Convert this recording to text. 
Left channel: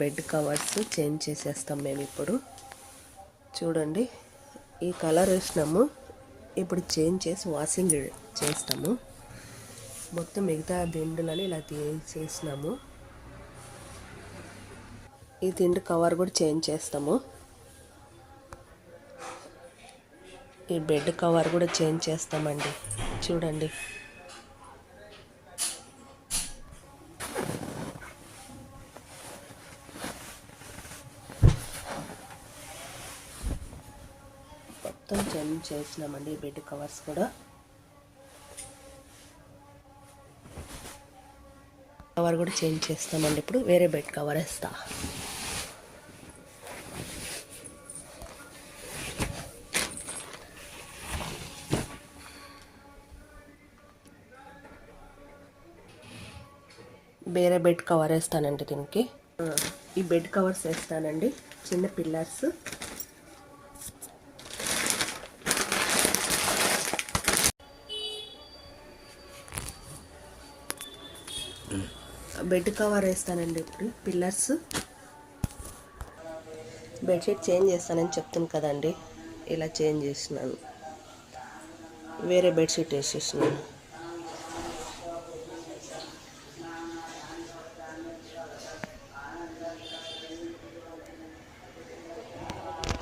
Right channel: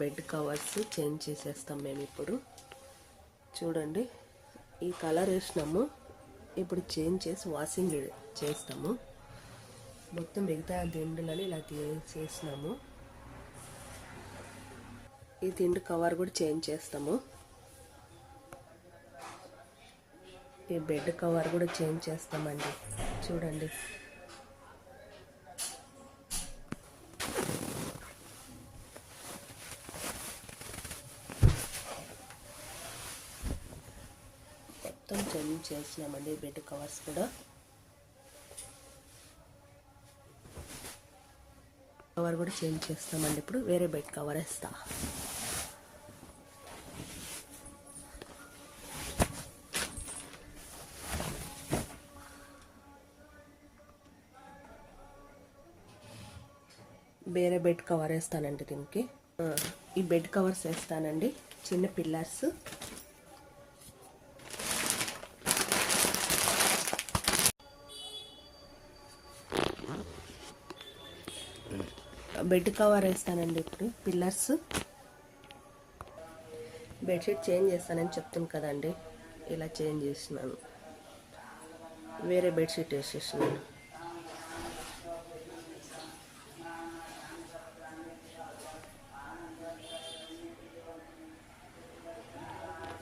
Bed covers change చేసేస్తాం మేము ఇప్పుడు. చూడండి, ఈ కలర్ వేసినాము, ఇప్పుడు చేంజ్ చేసి వాషింగ్ చేస్తాము. మొత్తం మిగతా దిండులని ఇలా తీసేసినాము. ఈ దిండు కవర్ కూడా చేంజ్ చేస్తాము. ఈ బెడ్ కవర్ కూడా చేంజ్ చేస్తామండి. చూడండి, మొత్తం చేంజ్ చేసినామండి. బెడ్ కవర్స్ కూడా చేంజ్ చేస్తామండి. ఇప్పుడు వేరే బెడ్ కవర్ వేస్తా. వేరే బెడ్ కవర్ వేస్తానండి దీనికి. ఈ బెడ్ కవర్స్ వేస్తానండి. చిన్న పిల్లర్స్, బెడ్ కవర్ వేస్తానండి. ఇప్పుడు పిల్లర్స్, బెడ్షీట్ చేంజ్ చేస్తానని చెప్తాను కదండి, ఇలా చేంజ్ చేసినాను. వేరే బెడ్షీట్ వేసేసినాను.